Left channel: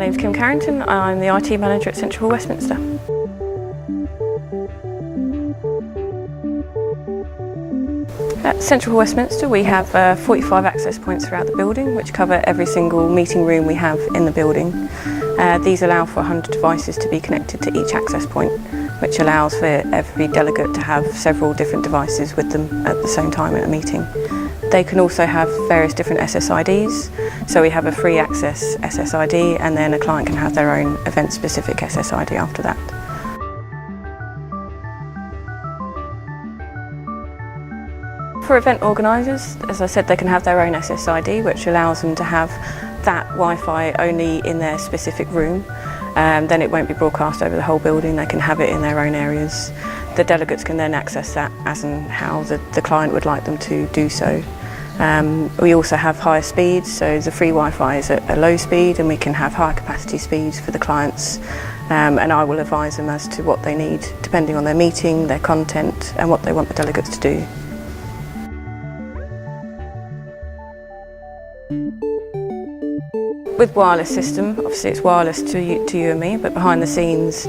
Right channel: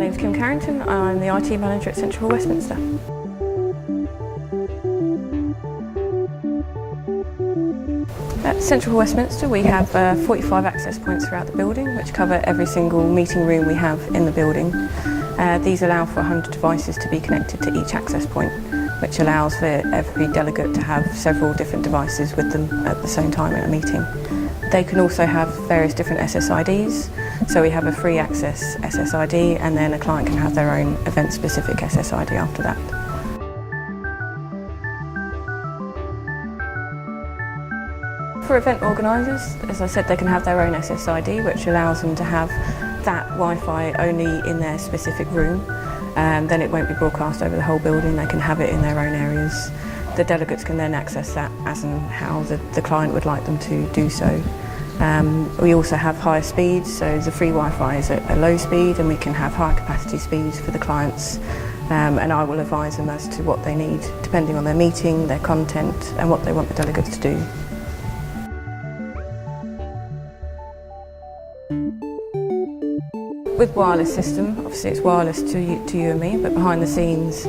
name's Kim Carrington. I'm the IT manager at Central Hall, Westminster. At Central Hall, Westminster, we have 45 access points throughout the building, which cover every single meeting room we have in the building. These allow for 100 devices to be connected to each access point, which allows for every delegate to have several different devices with them at the same time in a meeting. They can also have various different SSIDs, so we have a free access SSID and then a client can have their own event-specific SSID after that. For event organisers, as I said, they can have their own SSID, which allows them to have that Wi-Fi only in their specific room. Then it won't be broadcast over the whole building, they can have it in their own areas. The delegates can then access that as and how the client would like them to do so. We also have higher speeds, so the free Wi-Fi is at a low speed and we can have higher capacity speeds for the clients, and I will advise them as to what they need depending on their meeting, their content and what they want the delegates to do. With wireless system, obviously it's wireless to you and me, but behind the scenes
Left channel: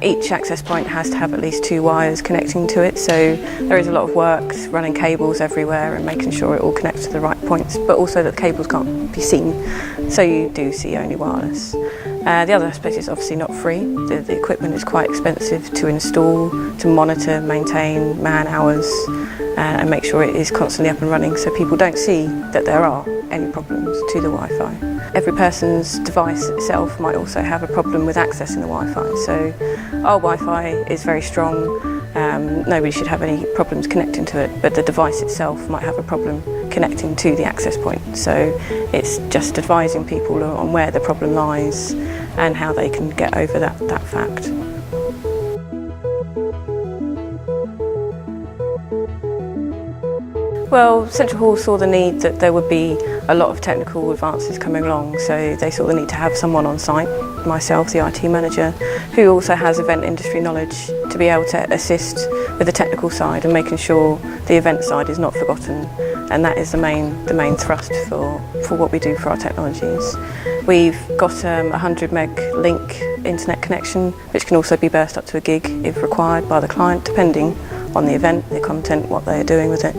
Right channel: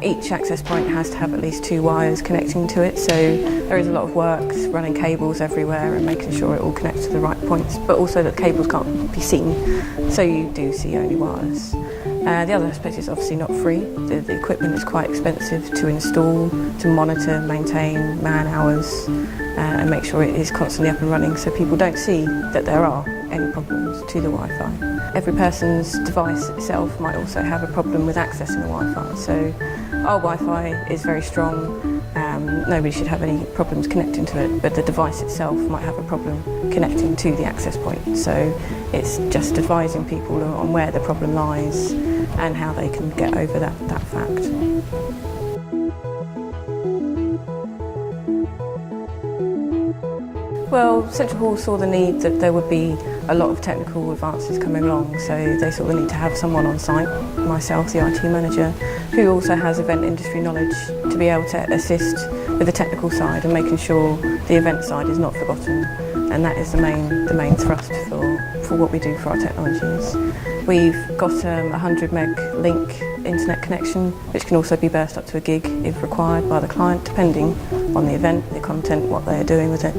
each access point has to have at least 2 wires connecting to it, so there is a lot of work running cables everywhere and making sure it all connects to the right points, but also that the cables can't be seen, so you do see only wireless. The other aspect is obviously not free. The equipment is quite expensive to install, to monitor, maintain, man hours, and make sure it is constantly up and running so people don't see that there are any problems to the Wi-Fi. Every person's device itself might also have a problem with accessing the Wi-Fi, so our Wi-Fi is very strong, nobody should have any problems connecting to it, but the device itself might have a problem connecting to the access point, so it's just advising people on where the problem lies and how they can get over that fact. Well, Central Hall saw the need that there would be a lot of technical advances coming along, so they saw the need to have someone on site, myself, the IT manager, who also has event industry knowledge to be able to assist with the technical side and making sure the event side is not forgotten, and that is the main thrust for what we do for our technologies. We've got a 100 meg link internet connection, which can also be burst up to a gig if required by the client, depending on the event, the content, what they are doing with it.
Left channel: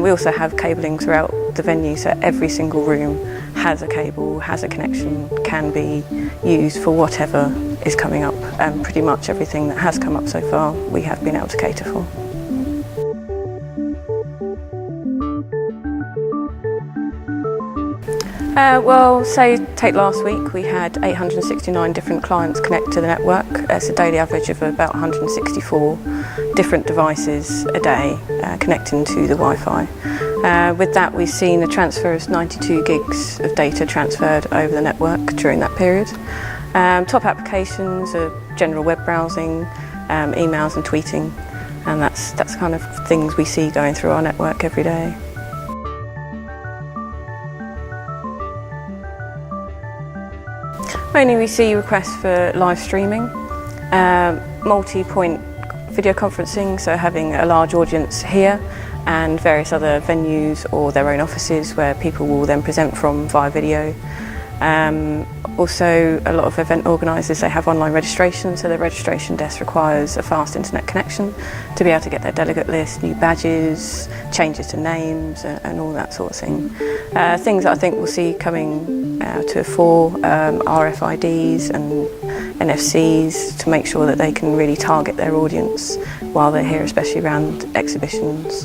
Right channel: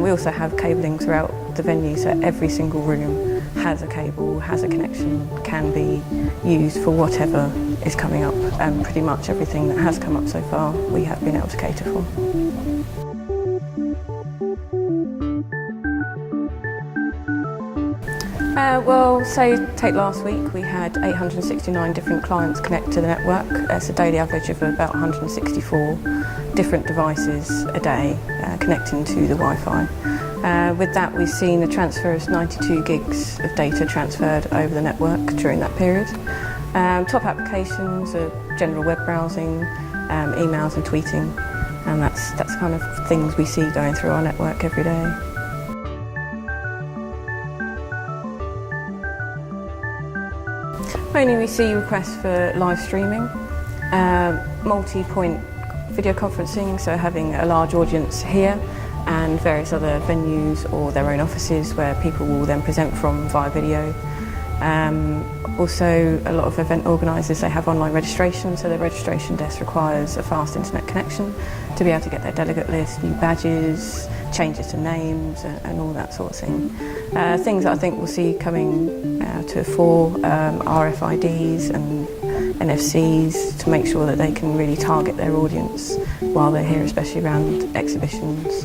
We also have cabling throughout the venue, so every single room has a cable, has a connection, can be used for whatever is coming up, and pretty much everything that has come up so far we have been able to cater for. Well, say take last week, we had 869 different clients connect to the network. It's a daily average of about 164 different devices a day connecting to the Wi-Fi. With that, we've seen a transfer of 92 gigs of data transferred over the network during that period. Top applications are general web browsing, emails and tweeting, and that's kind of things we see going through our network every day. Mainly we see requests for live streaming, multi-point video conferencing, so having a large audience here and various other venues or their own offices where people will then present from via video. Also, a lot of event organisers, they have online registration, so their registration desk requires a fast internet connection to be able to get their delegate list, new badges, changes to names and all that sort of thing. Things that I think we'll see coming to fore, RFIDs and NFCs to make sure that they can really target their audience while they're here, especially around exhibitions.